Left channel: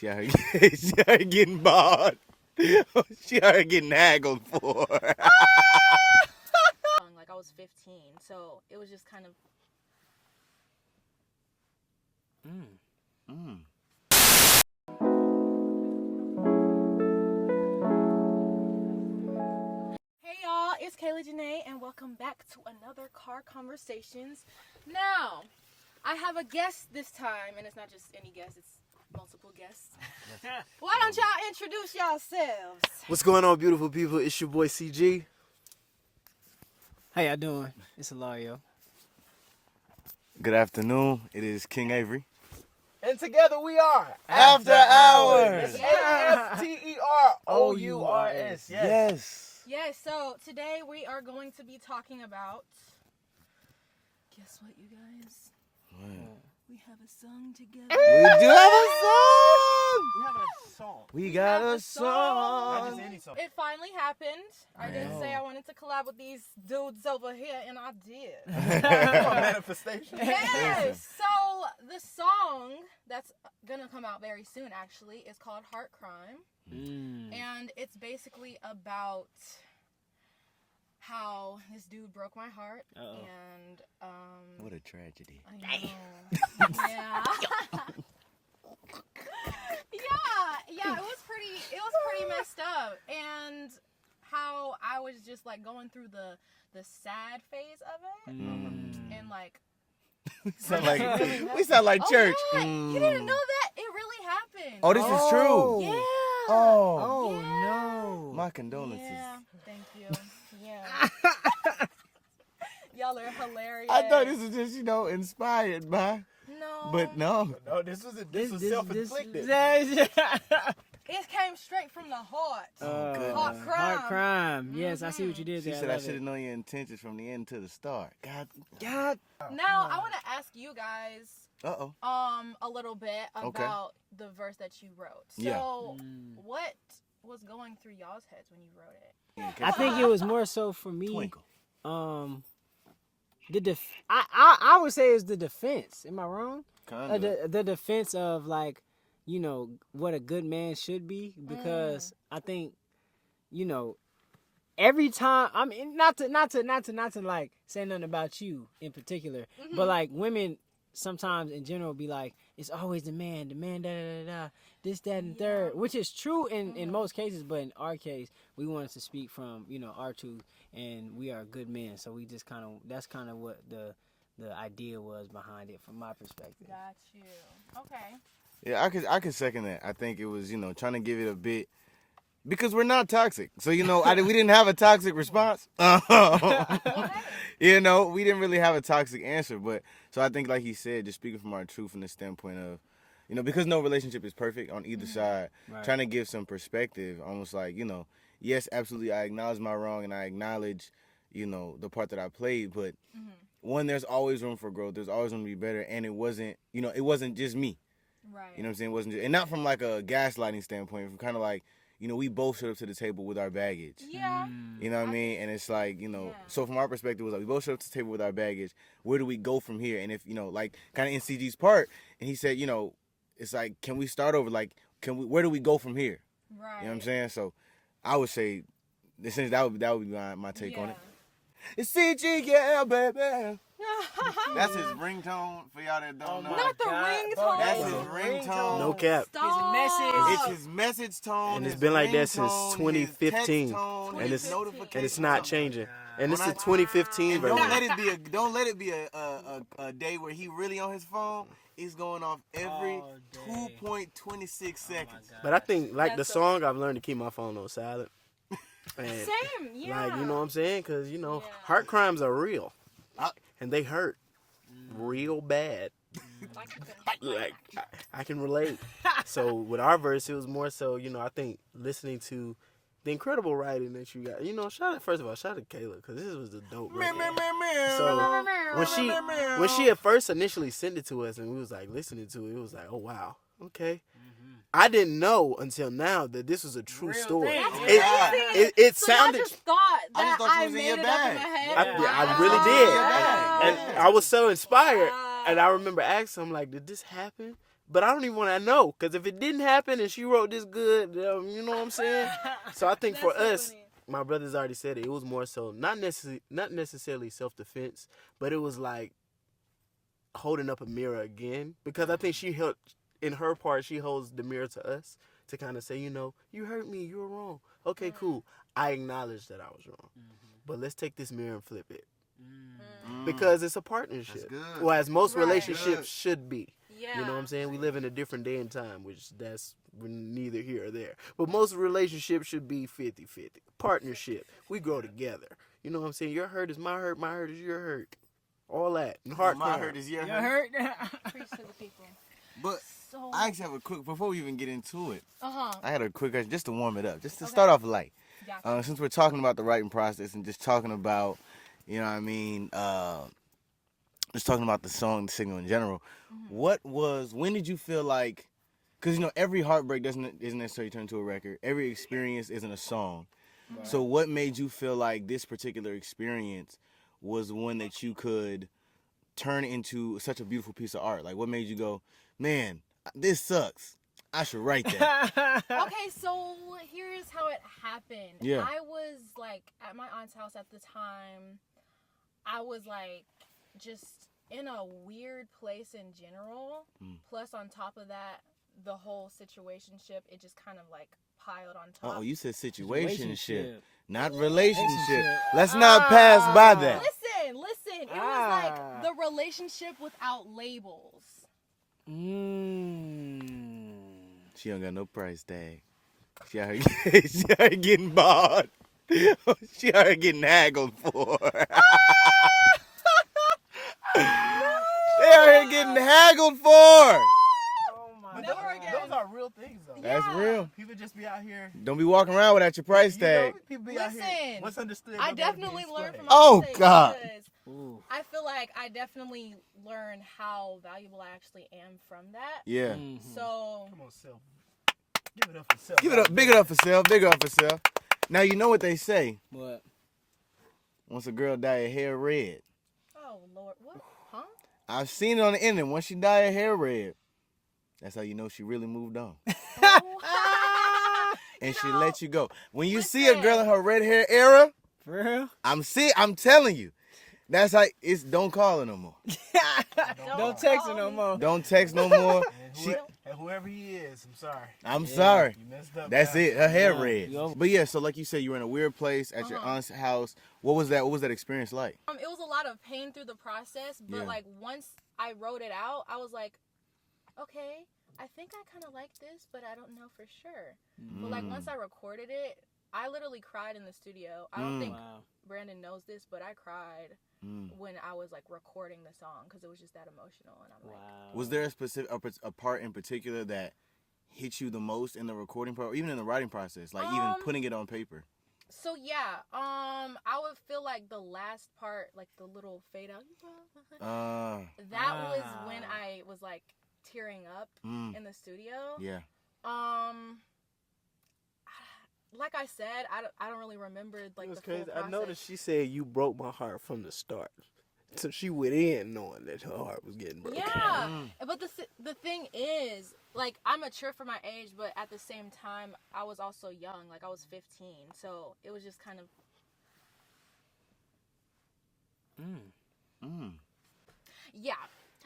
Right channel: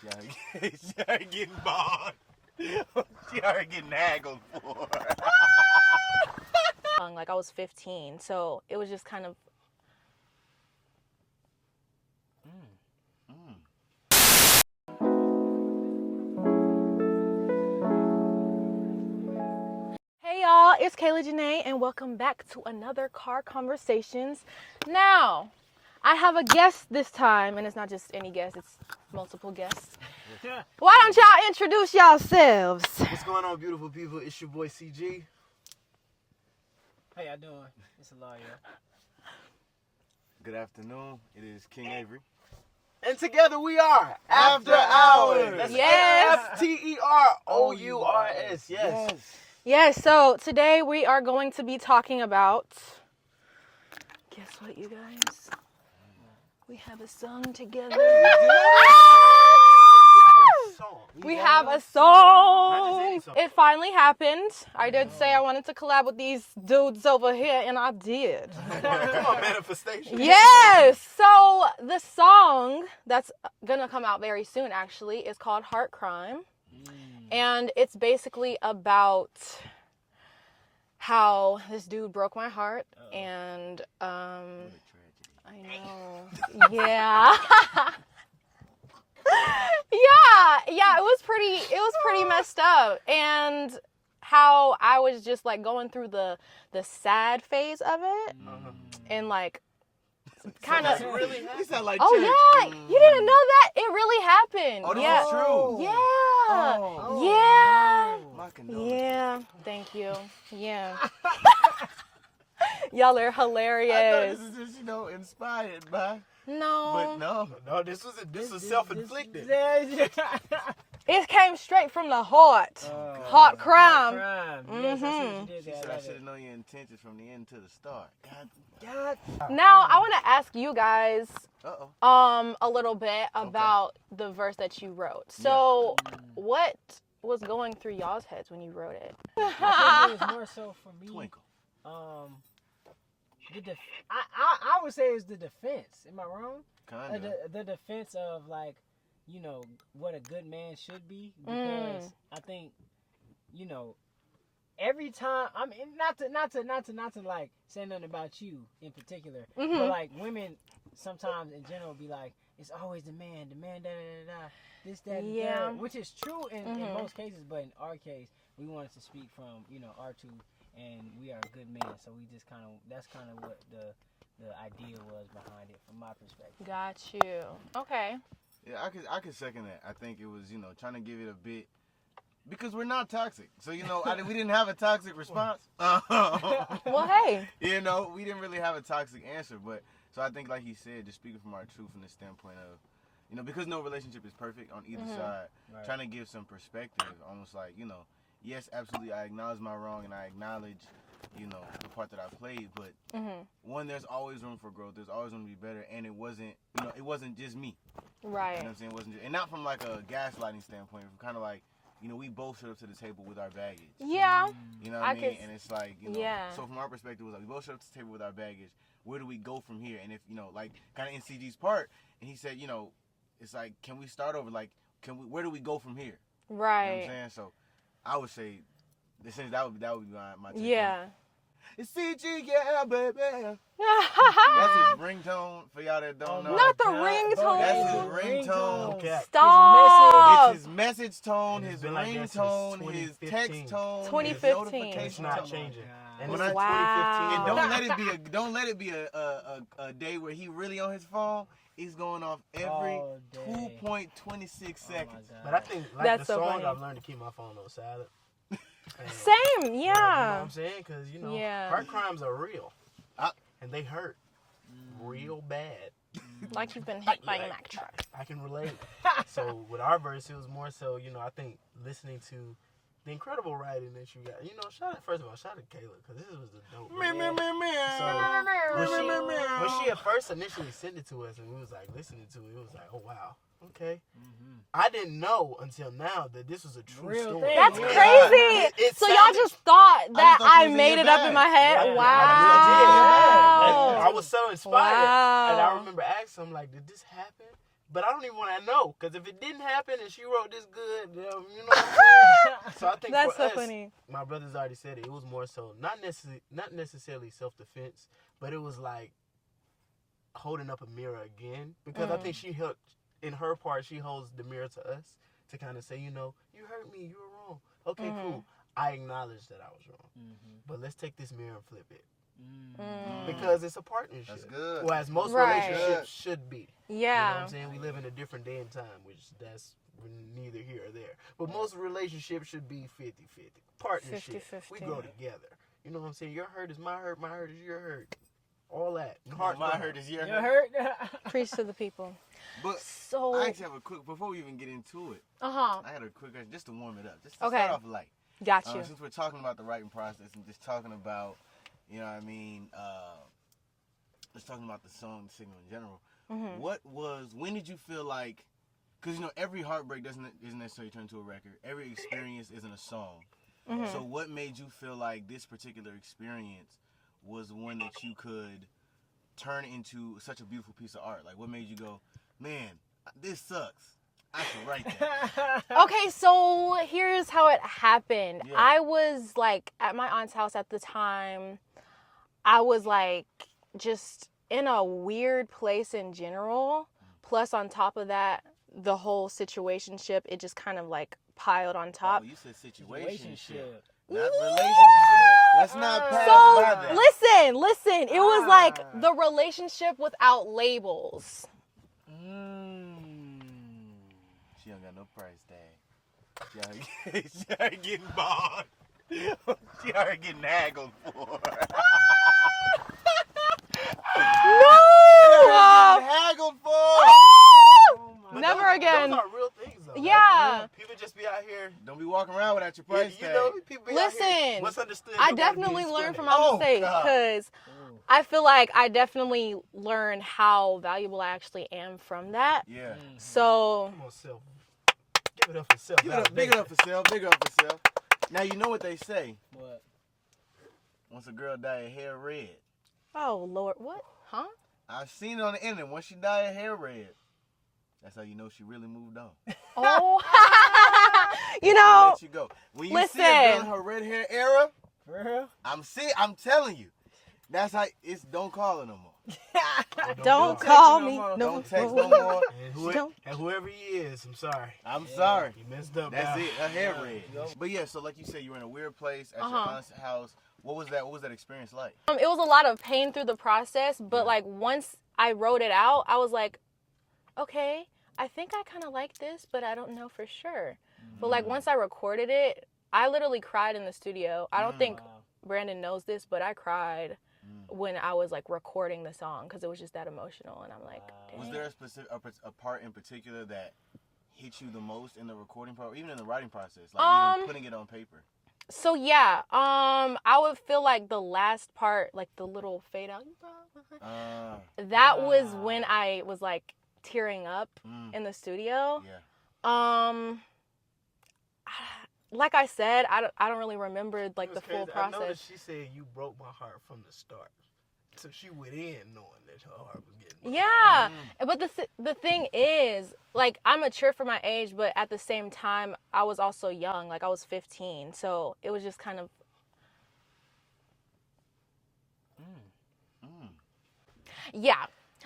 She started getting bought. She started getting haggled for. Like I was 15, so it was just kind of. Hey y'all, it's Kayla Janae, and welcome back to another Car Conversations. Now, I have a guest this time, and it's not just any guest; it's multiple guests. Why don't y'all introduce yourselves? What's going on, beautiful people? It's your boy CG. How y'all doing? It's Hilario. Good afternoon. It is King Avery. And together we are Afterours. Yes. Afterours. Yes. Yes, so today we are going to be talking about. Guess what, you guys? We have a song together. We do have a song. We have a song. It finally happened. I did say I wanted to collab with these dudes over here, and I did. Manifestation. Yes. So the song that's gonna come out very soon, actually, is called Heart Crime, and it's basically about how this dude broke my heart, and What a tragedy. I know. Yeah. yeah, it was pretty messed up, and how I was just like going through the sad phase of it, and like kind of. We sound like Oh church. yeah, you didn't know that? It really happened. Oh, this yeah. is true. Yeah. Oh. Yeah. My condolences. Yeah. Thank you. Yeah. Y'all are hilarious. I thought this was just, inspired by. No. But no. No, this was self-inflicted. It came straight from the heart. Heart crime. Yes, I see what you did She there. said I should have known your intentions from the end to the start. God. Now I want to ask you guys Uh-oh. a little bit about the verse that you wrote. So what was going through y'all's heads when you wrote it? I think it was more so for me. Twinkle. I would say it's the defense. Am I wrong? Kinda. The defense of what a good man should be, because I think every time, I mean, not to like say nothing about you in particular, but like women sometimes in general be like, it's always the man, this, that, and third, which is true in most cases, but in our case, we wanted to speak from our truth, and we are good men, so we just that's kind of what the idea was behind it from my perspective. Got you. Okay. Yeah, I could second that. I think it was, trying to give it a bit, because we're not toxic. So, we didn't have a toxic response. Well, hey. We didn't really have a toxic answer. But, so I think, like he said, just speaking from our truth from the standpoint of, because no relationship is perfect on either side, trying to give some perspective, almost like, yes, absolutely, I acknowledge my wrong and I acknowledge, the part that I played. But, one, there's always room for growth. There's always room to be better. And it wasn't just me. Right. You know what I'm saying? It wasn't just, and not from like a gaslighting standpoint, from kind of like, we both showed up to the table with our baggage. Yeah. You know what I mean? And it's like, so from our perspective, it was like, we both showed up to the table with our baggage. Where do we go from here? And if, like kind of in CG's part, and he said, it's like, can we start over? Like, where do we go from here? Right. You know what I'm saying? So I would say, essentially, that would be my take on it. It's CG, yeah, baby. That's his ringtone, for y'all that don't know. Not the ringtone. That's his ringtone. No cap. Stop. It's his message tone. And it's his been like that since ringtone, 2015. his text tone, 2015. his And it's not changing. And this is Wow. 2015, And bro. don't let it be a day where he really on his phone. He's going off every 2.26 seconds. But I think, like That's the so song, funny. I've learned to keep my phone on silent. And, Same, yeah. you know what I'm saying? Because, heart crimes are real. And they hurt real bad. Like you've been hit by an actress. I can relate. So with our verse, it was more so, I think listening to the incredible writing that you got. First of all, shout out to Kayla, because this was the dope. So when she at first initially sent it to us and we was like listening to it, it was like, oh wow, okay. I didn't know until now that this was a true story. That's crazy. It So sounded, y'all just thought that thought I you was in made your it up bag. in my head? I Wow. really did. Wow. And I was so inspired. Wow. And I remember asking him, like, did this happen? But I don't even want to know, because if it didn't happen and she wrote this good, you know what I'm saying? So I think That's for so us, funny. my brother's already said it was more so not necessarily self-defense, but it was like holding up a mirror again, because I think she helped, in her part, she holds the mirror to us to kind of say, you know, you hurt me, you were wrong. Okay, cool. I acknowledge that I was wrong. But let's take this mirror and flip it. Because it's a partnership. That's good. Well, as most Right. relationships should be. Yeah. You know what I'm saying? We live in a different day and time, which that's neither here or there. But most relationships should be 50-50. Partnership. 50-50. We grow together. You know what I'm saying? Your hurt is my hurt is your hurt. All that. And heart My hurt is your You hurt. hurt? Preach to the people. But So. I actually have a quick, before we even get into it, Uh-huh. I had a quick question just to warm it up, just to Okay. start off light. Gotcha. Since we're talking about the writing process and just talking about, you know what I mean, just talking about the song, the single in general, when did you feel like, because, you know, every heartbreak isn't necessarily turned into a record. Every experience isn't a song. So what made you feel like this particular experience was one that you could turn into such a beautiful piece of art? Like, what made you go, man, this sucks. I should write that. Okay, so here's how it happened. Yeah. I was like at my aunt's house at the time. I was like just in a weird place in general. Plus, on top of that, the whole situationship, it just kind of like piled on top. Oh, you said situationship, Situationship. not relationship. Let's not pass by that. Listen. It was like the relationship without labels. She don't got no price tag. She out here getting bought. She out here getting haggled for. No! She out here getting haggled for. But Never again. Those are real things, though. Yeah. People just be out here. Don't be walking around without your price tag. People be out here. Listen, What's understood? I don't gotta be definitely learned from explained. my mistakes God. because I feel like I definitely learned how valuable I actually am from that. Yeah. So, Come on, Self. Give it up for self. Give it up. Big it up for self. Big it up for self. Now you know what they say. What? Once a girl dye her hair red. oh Lord, what? Huh? I've seen it on the internet. Once she dye her hair red, that's how you know she really moved on. Oh, And you she know, let you go. When you see a girl listen. in her red hair era, For real? I'm telling you. That's how it's don't call her no more. don't text call her no me. more. Don't text no more. And whoever he is, I'm sorry. I'm sorry. You messed up. That's guy. it. Her hair red. Yo. But yeah, so like you said, you were in a weird place at your aunt's house. What was that? What was that experience like? It was a lot of pain through the process, but Yeah. like once I wrote it out, I was like, okay, I think I kind of like this, but I don't know for sure. But like once I recorded it, I literally cried in the studio. I don't think Brandon knows this, but I cried when I was like recording the song because it was just that emotional, and I'm like, Was there a specific a part in particular that hit you the most in the recording part, or even in the writing process, like even putting it on paper? So yeah, I would feel like the last part, like the little fade out, that was when I was like tearing up in the studio. Yeah. Like I said, I don't really remember like the It's full crazy. I know that process. she said you broke my heart from the start. So she went in knowing that her heart was getting broken. Yeah, but the thing is, like, I'm mature for my age, but at the same time, I was also young. Like, I was 15, so it was just kind of. Yeah,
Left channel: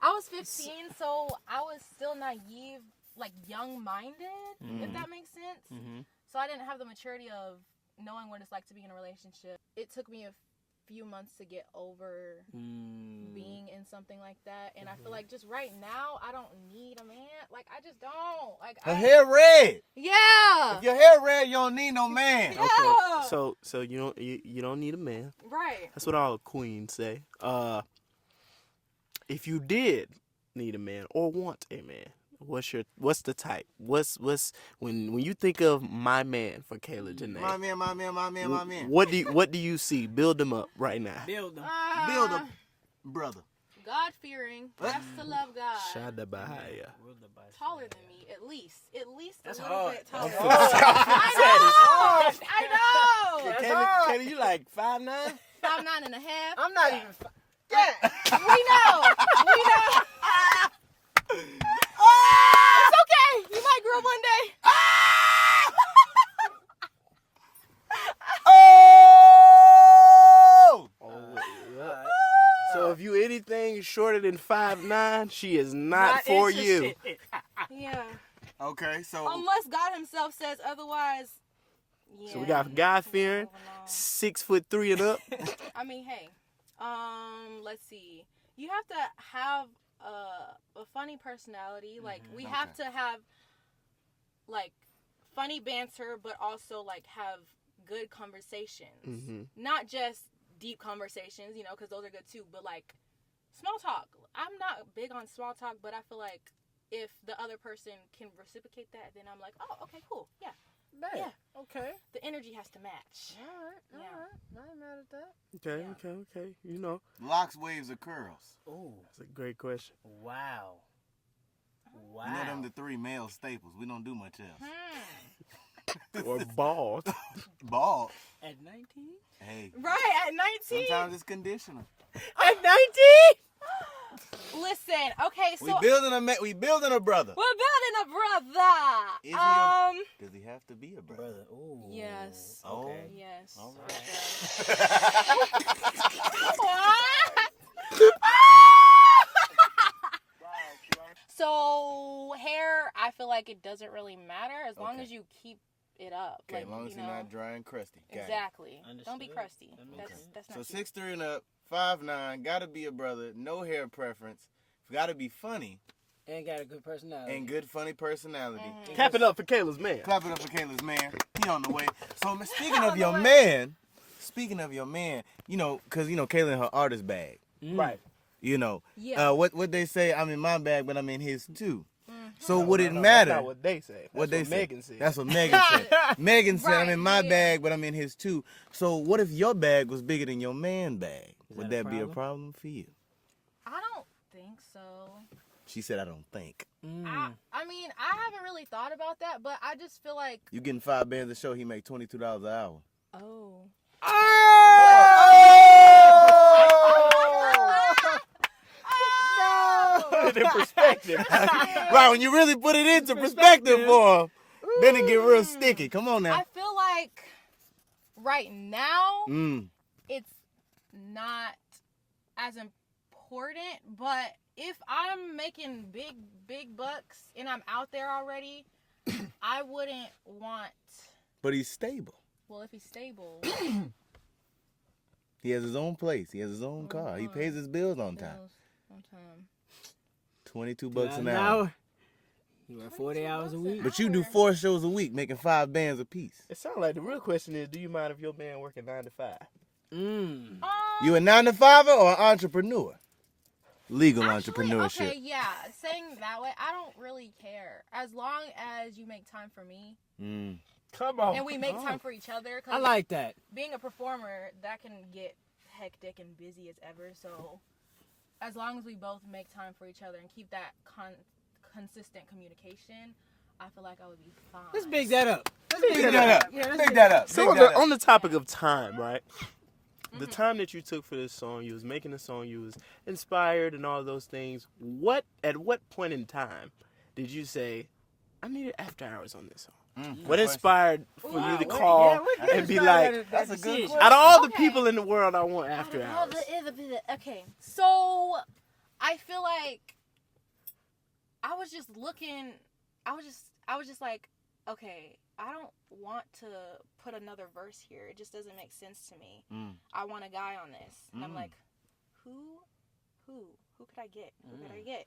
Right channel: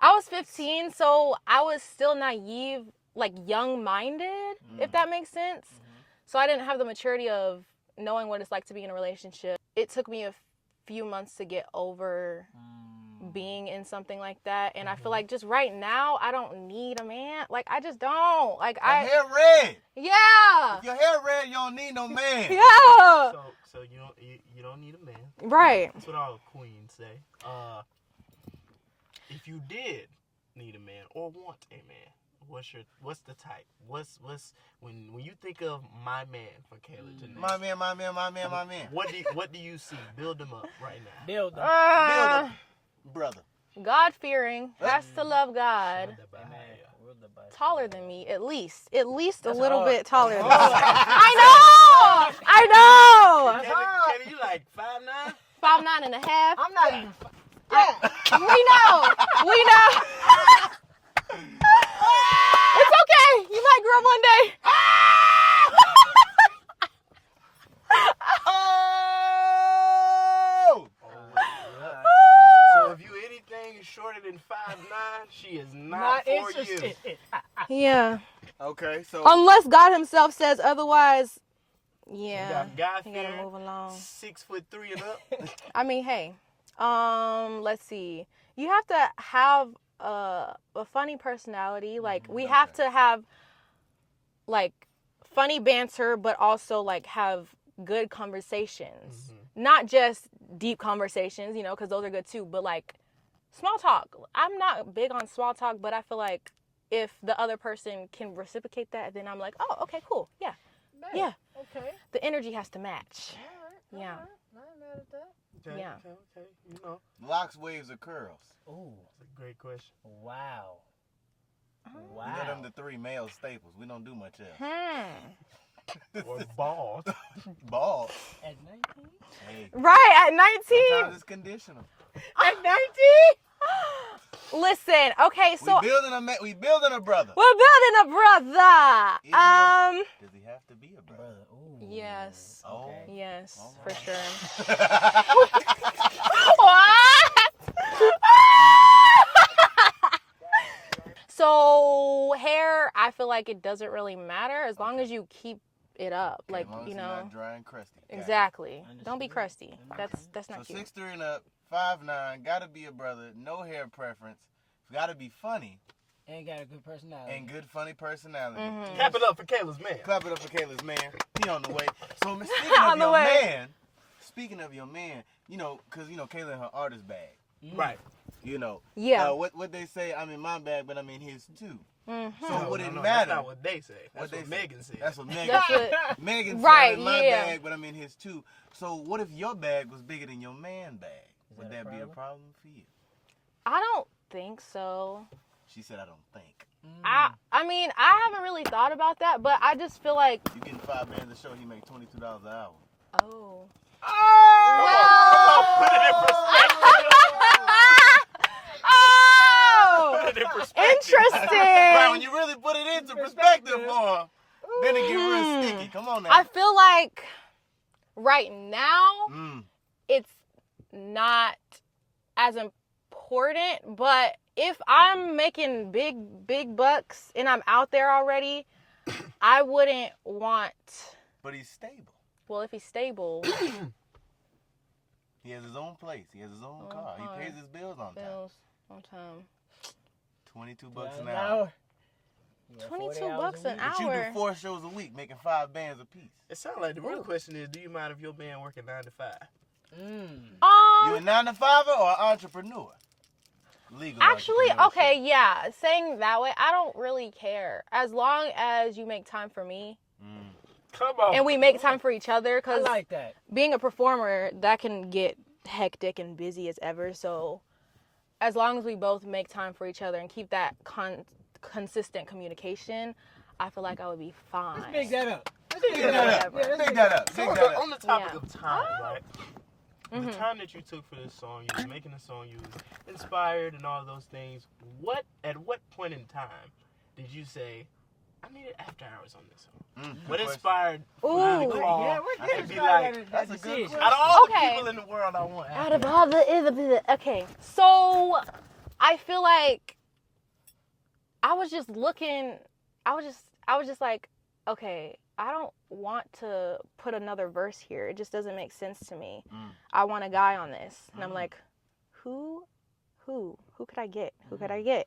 I was 15, so I was still naive, like young-minded, if that makes sense. So I didn't have the maturity of knowing what it's like to be in a relationship. It took me a few months to get over being in something like that, and I feel like just right now I don't need a man. Like, I just don't. Like, Your hair red. Yeah. If your hair red, you don't need no man. Yeah. So you don't need a man. Right. That's what all queens say. If you did need a man or want a man, what's the type? What's when you think of my man for Kayla Janae? My man. What do you see? Build them up right now. Build them. Build a brother. God-fearing, has to love God. Shada Bahaya. Taller than me, at least a little hard. bit taller than me. I know. Kayla, you like 5'9"? 5'9.5". I'm not even. We know. camera one day. Oh! So if you anything shorter than 5'9", she is not for you. Yeah. Okay, so Unless God himself says otherwise. Yeah. So we got God we gotta fearing, move along. 6'3" and up. I mean, hey. Let's see. You have to have a funny personality. Like, we have to have, like, funny banter, but also, like, have good conversations. Not just deep conversations, you know, because those are good too, but, like, small talk. I'm not big on small talk, but I feel like if the other person can reciprocate that, then I'm like, oh, okay, cool. Yeah. Man, Yeah. Okay. The energy has to match. All right. Yeah. I ain't mad at that. Okay, Yeah. okay. You know, locks, waves, or curls? Ooh. that's a great question. Wow. Wow. You know them the three male staples. We don't do much else. Or bald. Ball. At 19? Hey. Right, at 19. Sometimes it's conditional. At 19? Listen, okay, so we building a brother. we're building a brother. Is he a- Does he have to be a brother? Brother. Ooh. Yes. Okay. Yes, All for right. sure. So hair, I feel like it doesn't really matter as long as you keep it up, Okay, like as long as you you're know. not dry and crusty. Got it. Exactly. Don't be Understood. crusty. Okay. That's not So cute. 6'3" and up, 5'9", gotta be a brother, no hair preference, gotta be funny, And got a good personality. and good funny personality. Mhm. Clap it up for Kayla's man. Clap it up for Kayla's man. He on the way. So speaking On of the your way. man, you know, cause you know Kayla in her artist bag, Right. you know. Yeah. What they say? I'm in my bag, but I'm in his too. Mhm. So would it No, matter? That's not what they say. That's What they say? Megan said. That's what Megan That's said. what- Megan said Right, I'm in my yeah. bag, but I'm in his too. So what if your bag was bigger than your man bag? Would that a that be a problem? problem for you? I don't think so. She said, I don't think. I mean, I haven't really thought about that, but I just feel like, You getting 5 bands a show, he make $22 an hour. oh. Oh! Put it in perspective. Interesting. Right, when you really put it into perspective for him, then it get real sticky. Come on now. I feel like right now it's not as important, but if I'm making big bucks and I'm out there already, I wouldn't want. But he's stable. Well, if he's stable, He has his own place. He has his own car. He car. pays his bills on time. bills on time. $22 an hour. You work 22 40 hours a bucks week. an But you do hour. 4 shows a week, making 5 bands a piece. It sounds like the real question is, do you mind if your man working 9 to 5? You a 9 to 5er or an entrepreneur? Legal Actually, entrepreneurship. okay, yeah. Saying that way, I don't really care as long as you make time for me Come on. and we make time for each other. I Cause like that. being a performer, that can get hectic and busy as ever. So as long as we both make time for each other and keep that consistent communication, I feel like I would be fine. Let's big that up. Big that up. Yeah, let's Big that up. So Big that up. on the topic Yeah. of time, right? The time that you took for this song, you was making the song, you was inspired and all those things. At what point in time did you say, I needed After Hours on this song? What inspired for you to Ooh. call Yeah, what and be inspired like, that that's a good decision? out of all the Okay. people in the world, I want Out After of Hours. all the okay, so I feel like I was just looking. I was just like, okay, I don't want to put another verse here. It just doesn't make sense to me. I want a guy on this, and I'm like, who could I get? Who could I get?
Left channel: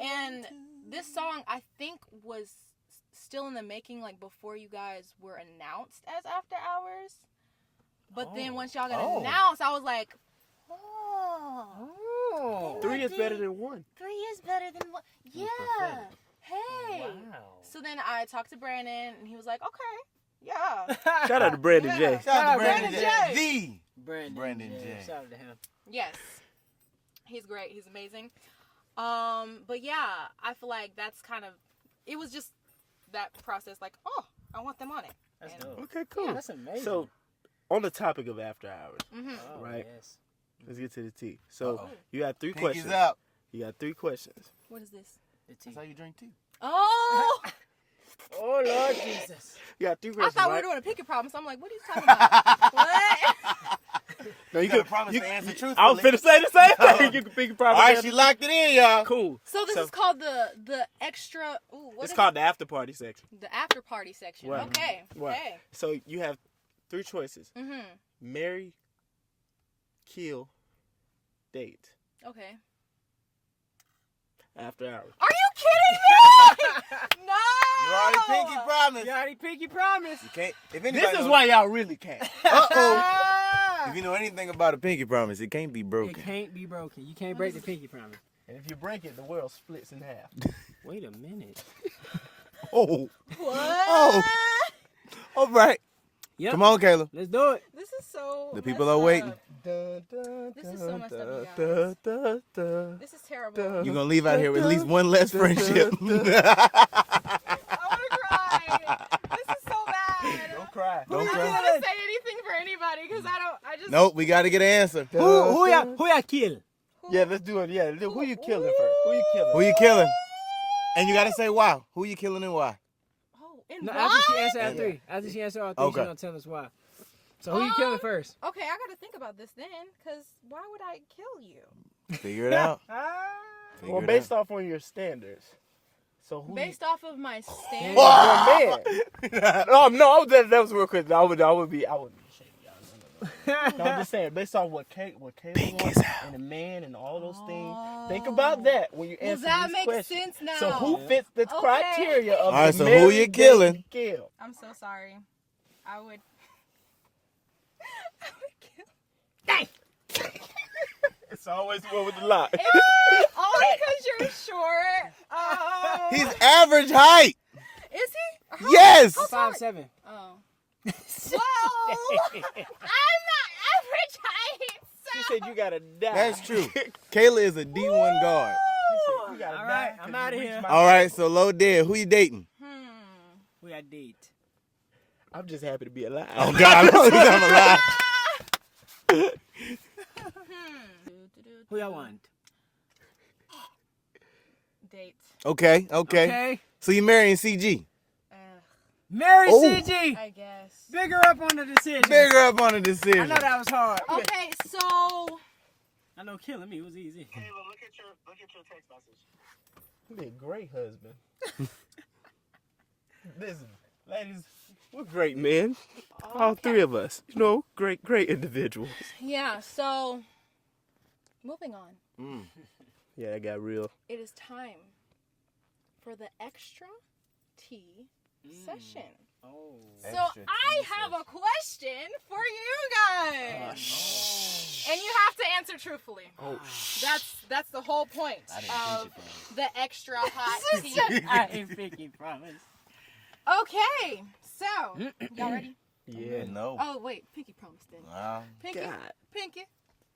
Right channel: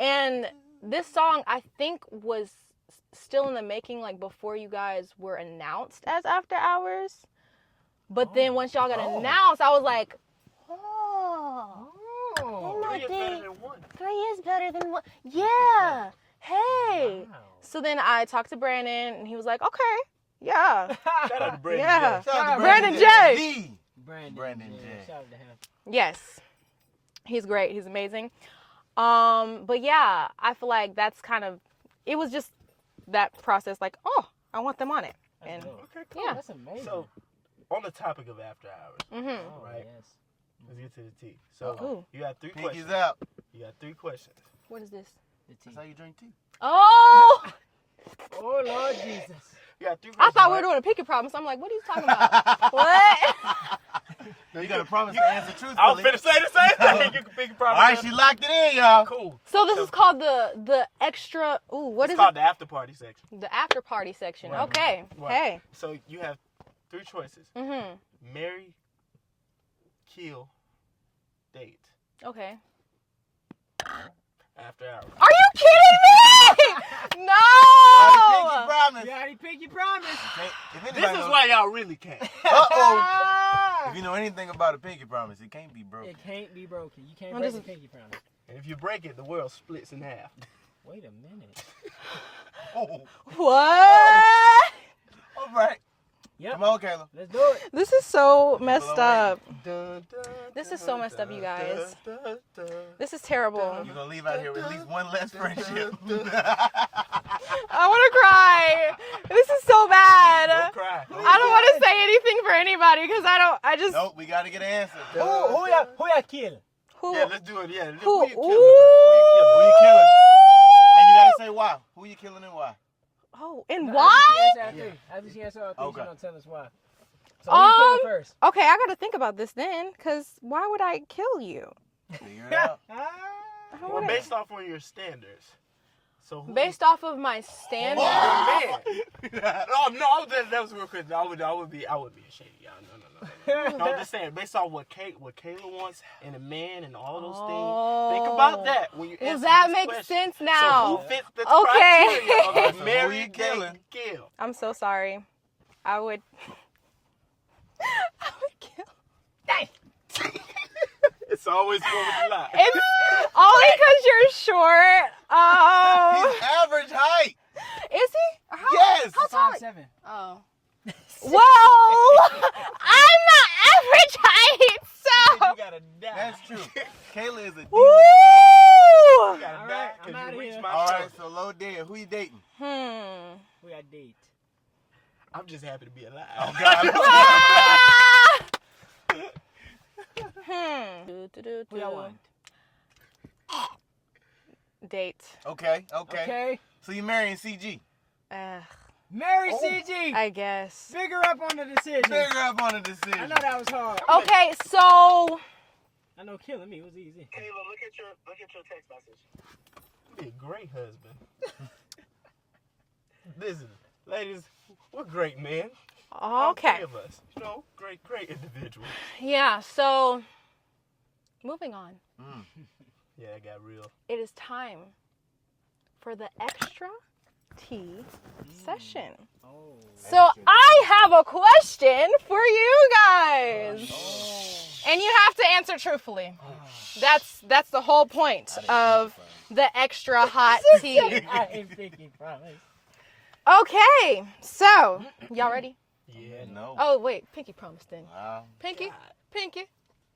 And this song, I think, was still in the making, like before you guys were announced as After Hours. But then once y'all got announced, I was like, Oh. 3 is better than 1. 3 is better than 1. Yeah. Hey. Wow. So then I talked to Brandon, and he was like, okay, yeah. Shout out to Brandin Yeah. Jay. Shout out to Brandin Jay. The Brandin Jay. Jay. Shout out to him. Yes. He's great. He's amazing. But yeah, I feel like that's kind of, it was just that process, like, oh, I want them on it. That's And dope. Okay, cool. Yeah. That's amazing. So, on the topic of After Hours, Oh, right. Yes. let's get to the tea. So, Ooh. you got 3 Pinkies questions. out. You got 3 questions. What is this? The That's tea. how you drink tea. Oh! Oh, Lord Jesus. You got 3 I questions. thought we were doing a pinky promise. I'm like, what are you talking about? What? No, you gotta promise to answer truthfully. I was finna say the same thing. You can pick a promise. All right, she locked it in, y'all. Cool. So this is called the extra. Ooh, what It's is called it? the after party section. The after party section. Right. Okay. Right. Hey. So you have 3 choices: marry, kill, date. Okay. After hours. Are you kidding me? Pinky No. promise. You already pinky promise. Can't, if anybody This is knows, why y'all really can't. If you know anything about a pinky promise, it can't be broken. It can't be broken. You can't What break is the it? pinky promise. And if you break it, the world splits in half. Wait a minute. Oh, What? all right. Yep. Come on, Kayla. Let's do it. This is so The messed people are waiting. up. This is so messed up, you guys. This is terrible. You're gonna leave out here with at least one less friendship. I want to cry. This is so bad. Don't cry. I don't want to say anything for anybody because I just. Nope, we gotta get an answer. Who y'all kill? Who, Yeah, let's do it. Yeah, Who- who you killing first? Who you killing? Who you killing? And you gotta say why. Who you killing and why? Oh, and No, why? After she answers all 3. After she answers all 3, Okay. she's gonna tell us why. So who you killing first? Okay, I got to think about this then because why would I kill you? Figure it out. Well, based off on your standards. So who Based off of my standards. Oh no, that was real quick. I would be ashamed, y'all. No, I'm just saying, based on what Kate wants and the man and all those things. Think about that when you Well, answer that this makes question. sense now. So who fits the Okay. criteria of All right, so who marry, you date, killing? Kill? I'm so sorry. I would kill. It's always going with a lot. It's only because you're short. Oh. He's average height. Is he? How- Yes. How tall? 5'7". Oh. Whoa! I'm not average height, so. You gotta die. That's true. Kayla is a D1 guard. Woo! You gotta All die right, 'cause I'm you outta reached here. my All right, level. so low dead. Who you dating? Who y'all date? I'm just happy to be alive. Oh God, I'm alive. Who y'all want? Date. Okay. So you marrying CG? Marry Oh. CG. I guess. Bigger up on the decision. Figure up on the I decision. know that was hard. Okay, so. I know killing me was easy. Kayla, look at your text message. You be a great husband. Listen, ladies, we're great men. All 3 Okay. of us. You know, great individuals. Yeah, so. Moving on. Yeah, that got real. It is time for the extra tea session. Oh. So I have a question for you guys. And you have to answer truthfully. That's the whole point of the extra hot tea. I ain't picky, promise. Okay, so y'all ready? Yeah. No. Oh wait, pinky promise thing. Wow. Pinky, God. pinky,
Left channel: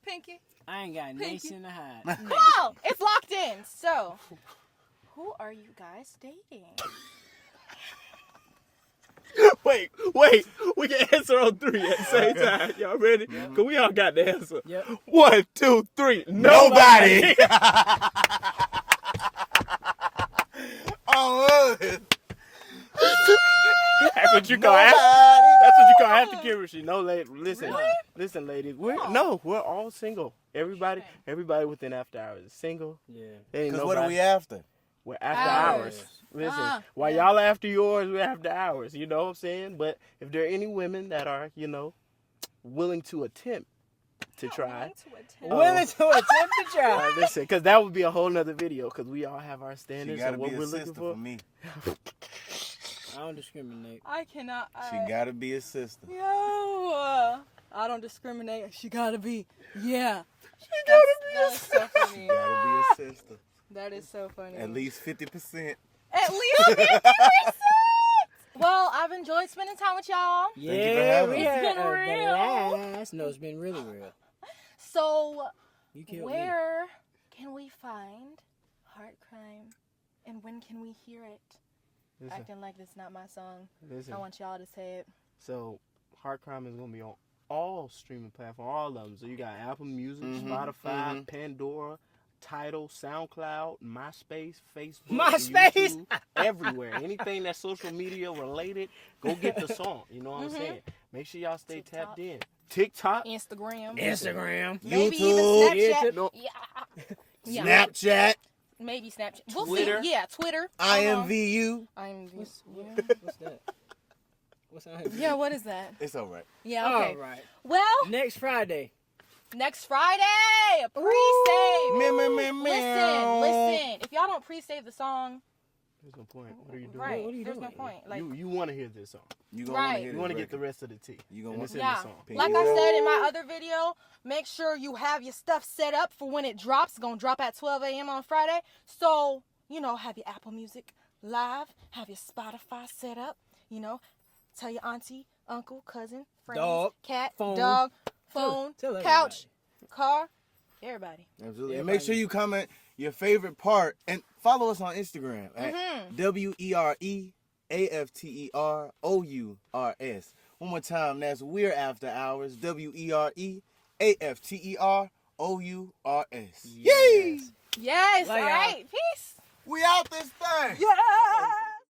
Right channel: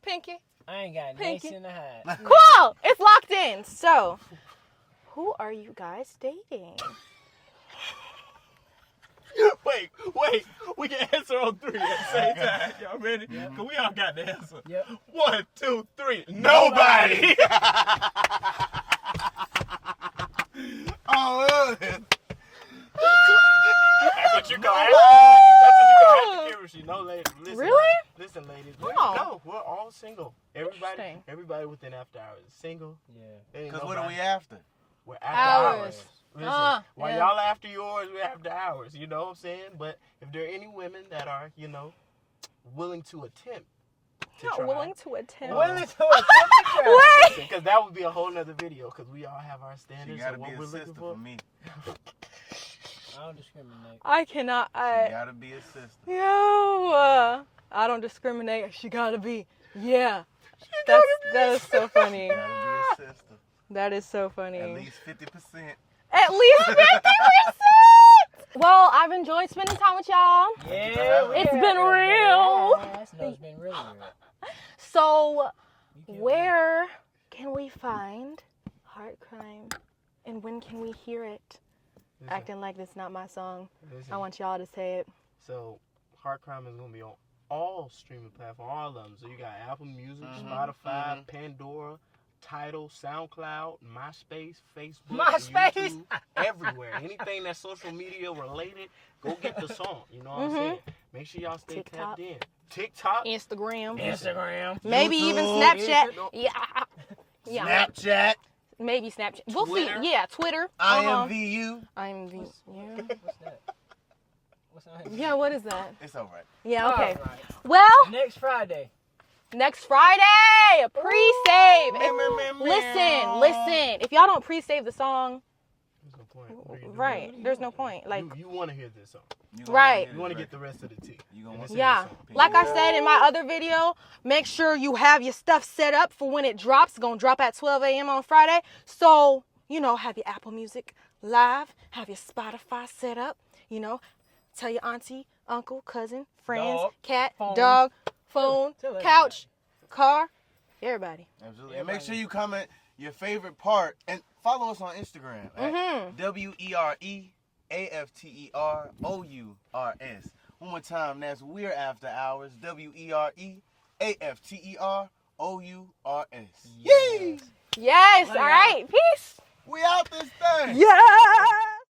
pinky. I ain't got nice Pinky. in the hide. Cool, it's locked in. So, who are you guys dating? Wait. We can answer on 3 at the same time. Y'all ready? Because we all got the answer. Yep. 1, 2, 3. Nobody. Oh, That's what you gonna ask. That's what you gonna have to give her. No, lady. Listen. Really? Listen, ladies. Oh. We're all single. Interesting. Everybody within After Hours is single. Yeah. There ain't because what are nobody. we after? We're after Hours. hours. Listen, while yeah. y'all after yours, we're after hours. You know what I'm saying? But if there are any women that are, willing to attempt to Not try. willing to attempt. Willing to attempt to try. Listen, because that would be a whole nother video. Because we all have our She standards gotta and be what a we're looking sister for. for me. I don't discriminate. I cannot. She gotta be a sister. No, I don't discriminate. She gotta be. Yeah. That is so funny. Gotta be a sister. That is so funny. At least 50%. At least 50%. Well, I've enjoyed spending time with y'all. Yeah, It's been real. Yes, no, it's been really real. So, You killed me. where can we find Heart Crime, and when can we hear it? Listen, Acting like it's not my song. listen. I want y'all to say it. So, Heart Crime is gonna be on all streaming platforms, all of them. So you got Apple Music, Mhm, Spotify, mhm. Pandora, Tidal, SoundCloud, MySpace, Facebook, MySpace? YouTube, everywhere. Anything that's social media related, go get the song. You know what I'm saying? Make sure y'all stay tapped in. TikTok, Instagram, YouTube, maybe even Snapchat. No. Yeah. Snapchat, Maybe Snapchat. We'll Twitter. see. Yeah, Twitter. IMVU. IMVU. What's that? What's that? Yeah, what is that? It's all right. Yeah, okay. All right. Well, Next Friday. next Friday, a pre-save. Listen. Listen. If y'all don't pre-save the song, there's no point. What are you doing? right, What are you there's doing? no point. Like, You want to hear this song. Right. You want to get the rest of the tea. You gonna And it's listen in the yeah. song. Like I said in my other video, make sure you have your stuff set up for when it drops. It's going to drop at 12 a.m. on Friday. So, have your Apple Music live, have your Spotify set up, tell your auntie, uncle, cousin, friends, Dog, cat, phone. dog, phone, Tell couch, car, everybody. Absolutely. And make sure you comment your favorite part and follow us on Instagram at WereAfterours. One more time, that's We're After Hours. WereAfterours. Yay! Yes, Wow. all right, peace. We out this thing. Yeah.